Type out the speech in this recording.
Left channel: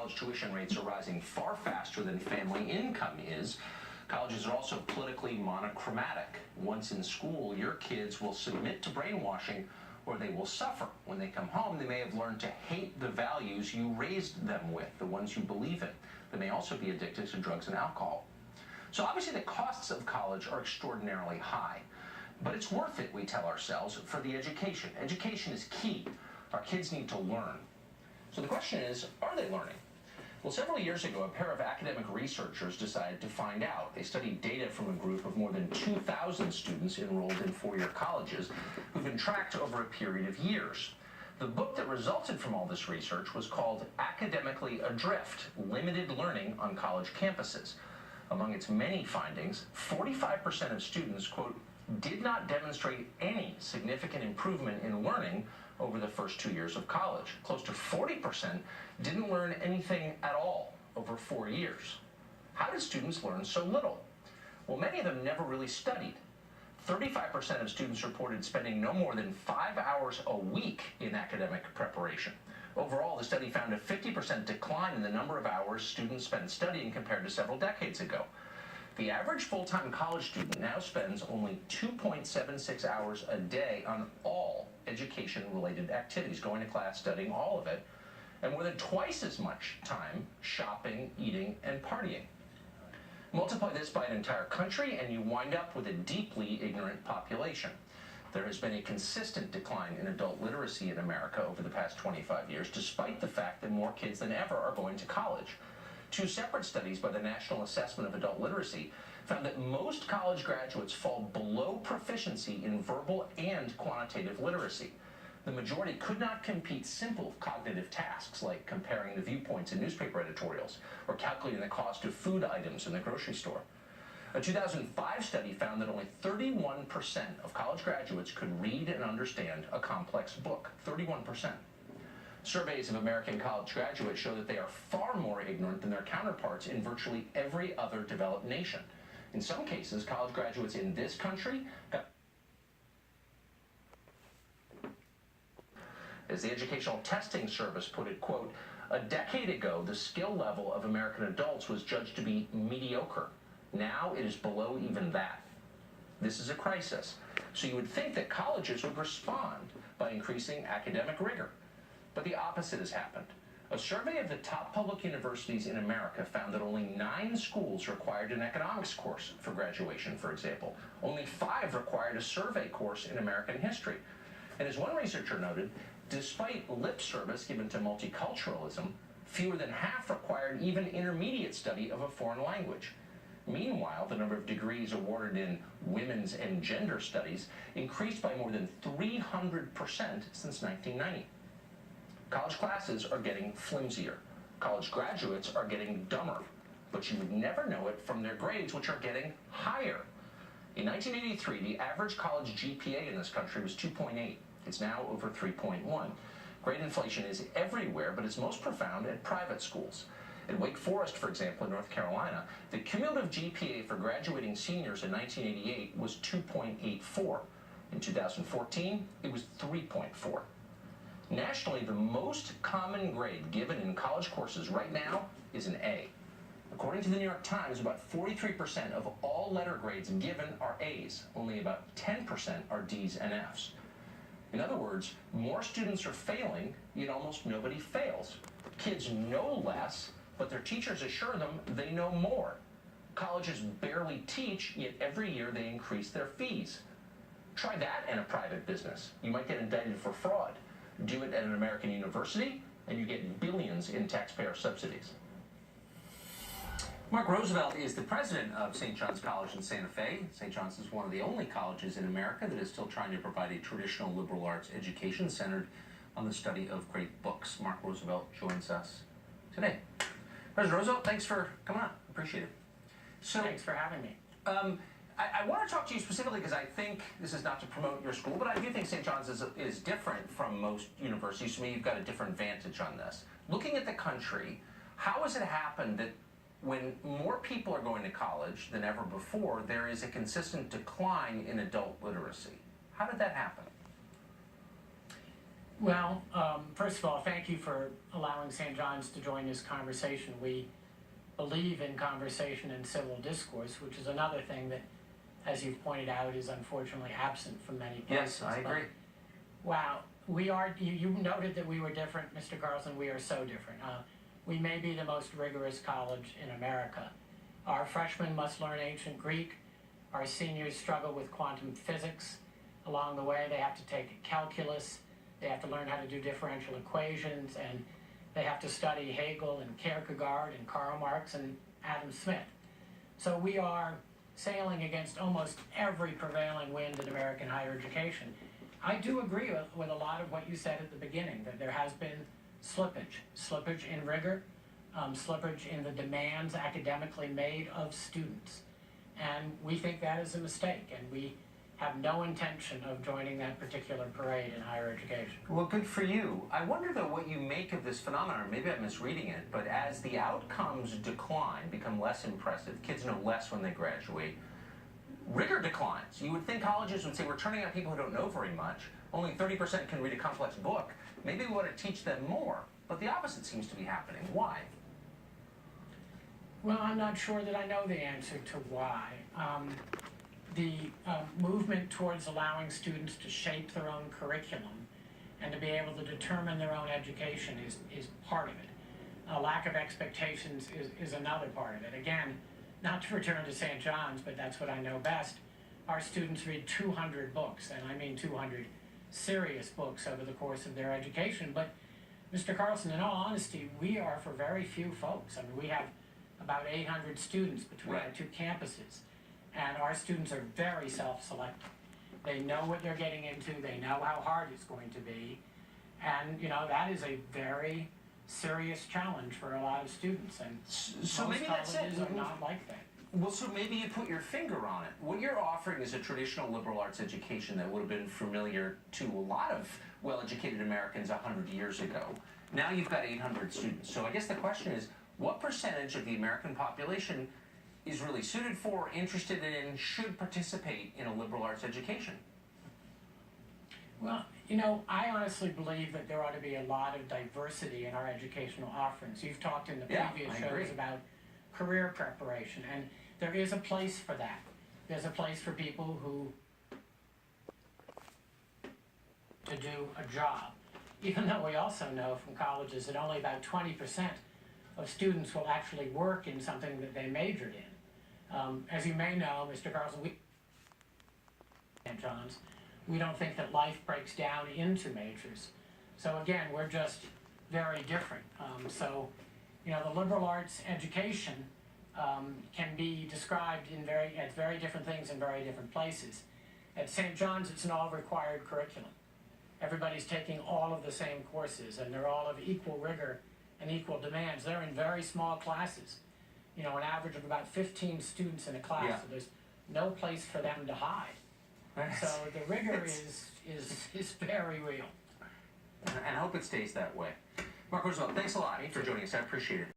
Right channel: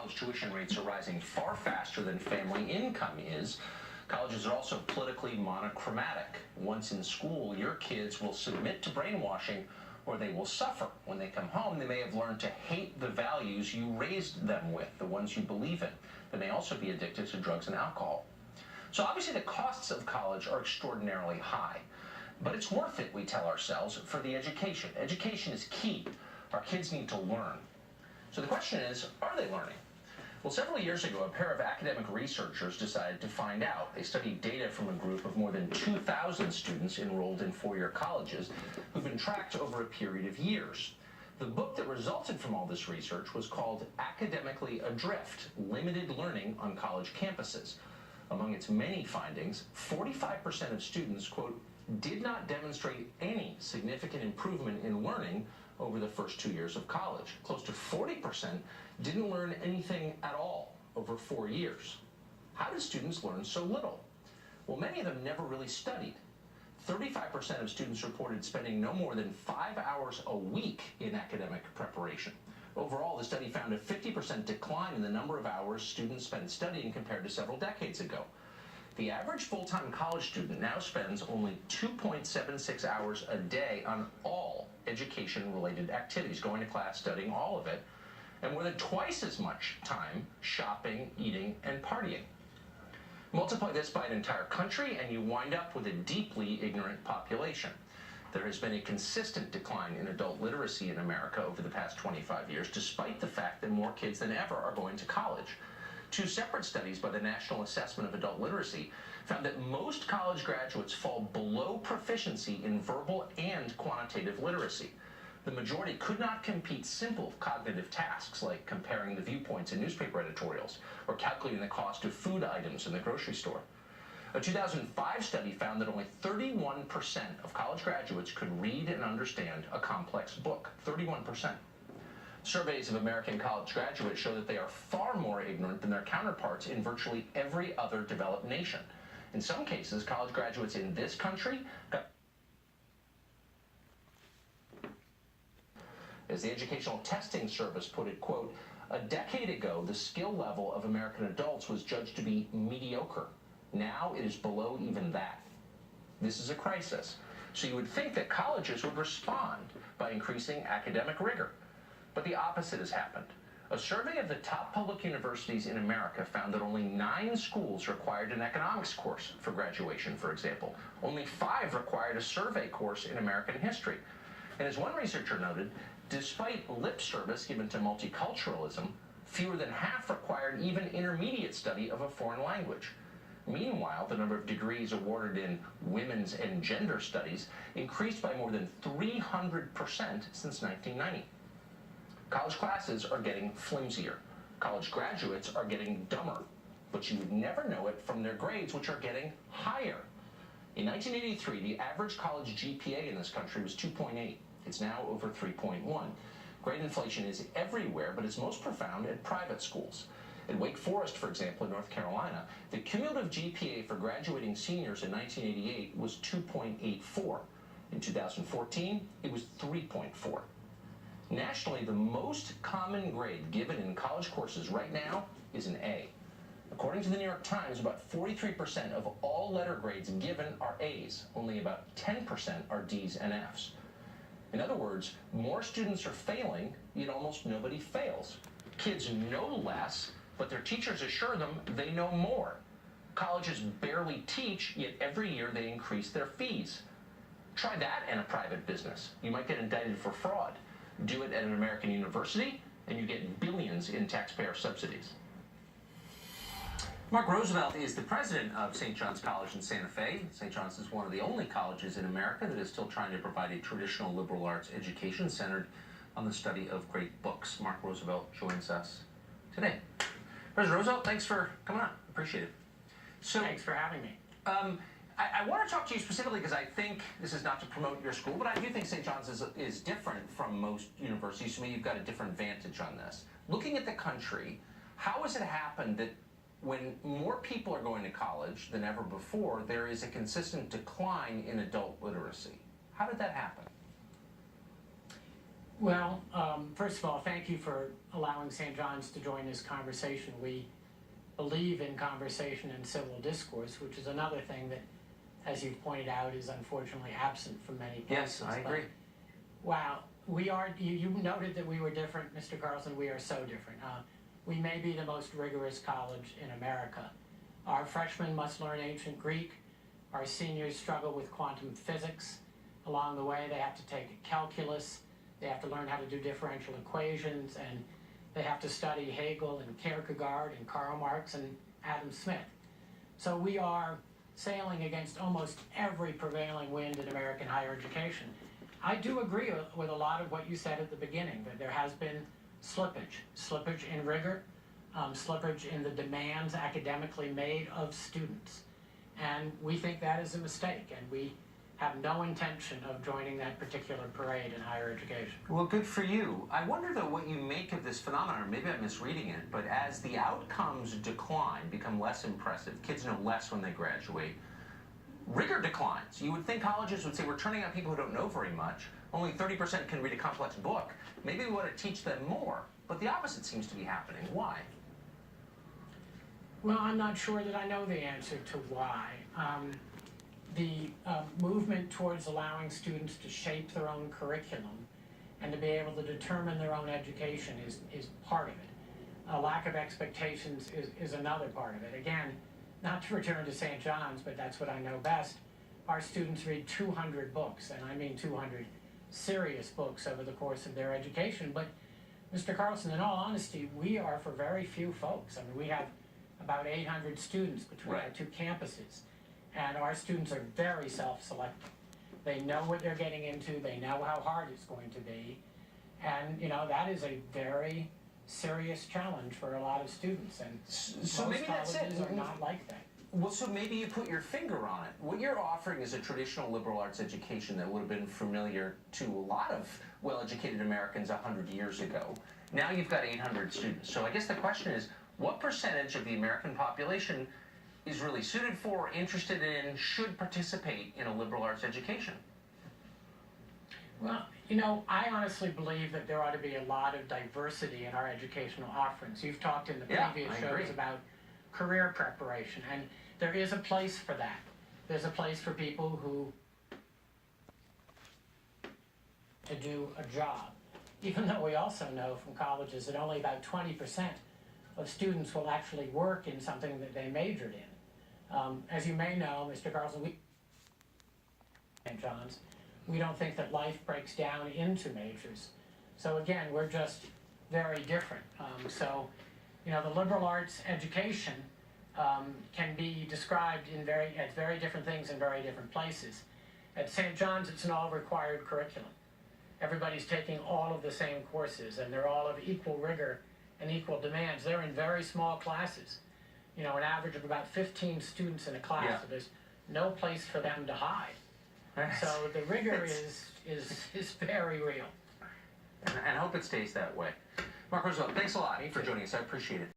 college tuition rates are rising far faster than family income is, colleges are also politically monochromatic. Once in school, your kids will submit to brainwashing or they will suffer. When they come home, they may have learned to hate the values you raised them with, the ones you believe in. They may also be addicted to drugs and alcohol. So obviously the costs of college are extraordinarily high, but it's worth it, we tell ourselves, for the education. Education is key. Our kids need to learn. So the question is, are they learning? Well, several years ago, a pair of academic researchers decided to find out. They studied data from a group of more than 2,000 students enrolled in four-year colleges who've been tracked over a period of years. The book that resulted from all this research was called Academically Adrift: Limited Learning on College Campuses. Among its many findings, 45% of students, quote, did not demonstrate any significant improvement in learning over the first 2 years of college. Close to 40% didn't learn anything at all over 4 years. How did students learn so little? Well, many of them never really studied. 35% of students reported spending no more than 5 hours a week in academic preparation. Overall, the study found a 50% decline in the number of hours students spent studying compared to several decades ago. The average full-time college student now spends only 2.76 hours a day on all education-related activities, going to class, studying, all of it, and more than twice as much time shopping, eating, and partying. Multiply this by an entire country, and you wind up with a deeply ignorant population. There has been a consistent decline in adult literacy in America over the past 25 years, despite the fact that more kids than ever are going to college. Two separate studies by the National Assessment of Adult Literacy found that most college graduates fall below proficiency in verbal and quantitative literacy. The majority could not complete simple cognitive tasks like comparing the viewpoints in newspaper editorials or calculating the cost of food items in the grocery store. A 2005 study found that only 31% of college graduates could read and understand a complex book. 31%. Surveys of American college graduates show that they are far more ignorant than their counterparts in virtually every other developed nation. In some cases, college graduates in this country got... As the Educational Testing Service put it, quote, a decade ago, the skill level of American adults was judged to be mediocre. Now it is below even that. This is a crisis. So you would think that colleges would respond by increasing academic rigor. But the opposite has happened. A survey of the top public universities in America found that only 9 schools required an economics course for graduation, for example. Only 5 required a survey course in American history. And as one researcher noted, despite lip service given to multiculturalism, fewer than half required even intermediate study of a foreign language. Meanwhile, the number of degrees awarded in women's and gender studies increased by more than 300% since 1990. College classes are getting flimsier. College graduates are getting dumber. But you would never know it from their grades, which are getting higher. In 1983, the average college GPA in this country was 2.8. It's now over 3.1. Grade inflation is everywhere, but it's most profound at private schools. At Wake Forest, for example, in North Carolina, the cumulative GPA for graduating seniors in 1988 was 2.84. In 2014, it was 3.4. Nationally, the most common grade given in college courses right now is an A. According to the New York Times, about 43% of all letter grades given are A's. Only about 10% are D's and F's. In other words, more students are failing, yet almost nobody fails. Kids know less, but their teachers assure them they know more. Colleges barely teach, yet every year they increase their fees. Try that in a private business. You might get indicted for fraud. Do it at an American university, and you get billions in taxpayer subsidies. Mark Roosevelt is the president of St. John's College in Santa Fe. St. John's is one of the only colleges in America that is still trying to provide a traditional liberal arts education centered on the study of great books. Mark Roosevelt joins us today. President Roosevelt, thanks for coming on. Appreciate it. Thanks for having me. I want to talk to you specifically because I think this is not to promote your school, but I do think St. John's is different from most universities. To me, you've got a different vantage on this. Looking at the country, how has it happened that when more people are going to college than ever before, there is a consistent decline in adult literacy? How did that happen? Well, first of all, thank you for allowing St. John's to join this conversation. We believe in conversation and civil discourse, which is another thing that, as you've pointed out, is unfortunately absent from many places. Yes, I agree. Wow, you noted that we were different, Mr. Carlson. We are so different. We may be the most rigorous college in America. Our freshmen must learn ancient Greek. Our seniors struggle with quantum physics. Along the way, they have to take calculus. They have to learn how to do differential equations, and they have to study Hegel and Kierkegaard and Karl Marx and Adam Smith. So we are sailing against almost every prevailing wind in American higher education. I do agree with a lot of what you said at the beginning, that there has been slippage in rigor, slippage in the demands academically made of students. And we think that is a mistake, and we have no intention of joining that particular parade in higher education. Well, good for you. I wonder, though, what you make of this phenomenon. Maybe I'm misreading it, but as the outcomes decline, become less impressive, kids know less when they graduate, rigor declines. You would think colleges would say, we're turning out people who don't know very much. Only 30% can read a complex book. Maybe we want to teach them more. But the opposite seems to be happening. Why? Well, I'm not sure that I know the answer to why. The movement towards allowing students to shape their own curriculum and to be able to determine their own education is part of it. A lack of expectations is another part of it. Again, not to return to St. John's, but that's what I know best. Our students read 200 books, and I mean 200 serious books over the course of their education. But, Mr. Carlson, in all honesty, we are for very few folks. I mean, we have about 800 students between our two campuses. And our students are very self-selecting. They know what they're getting into, they know how hard it's going to be, and that is a very serious challenge for a lot of students, and so maybe that's it. Are not like that. Well, so maybe you put your finger on it. What you're offering is a traditional liberal arts education that would have been familiar to a lot of well-educated Americans 100 years ago. Now you've got 800 students. So I guess the question is, what percentage of the American population is really suited for, interested in, should participate in a liberal arts education? Well, I honestly believe that there ought to be a lot of diversity in our educational offerings. You've talked in the previous shows about career preparation, and there is a place for that. There's a place for people who to do a job, even though we also know from colleges that only about 20% of students will actually work in something that they majored in. As you may know, Mr. Carlson, we St. John's, we don't think that life breaks down into majors. So again, we're just very different. The liberal arts education can be described as very different things in very different places. At St. John's, it's an all-required curriculum. Everybody's taking all of the same courses, and they're all of equal rigor and equal demands. They're in very small classes. An average of about 15 students in a class, so there's no place for them to hide. So the rigor is very real. And I hope it stays that way. Mark Roosevelt, thanks a lot for joining us. I appreciate it.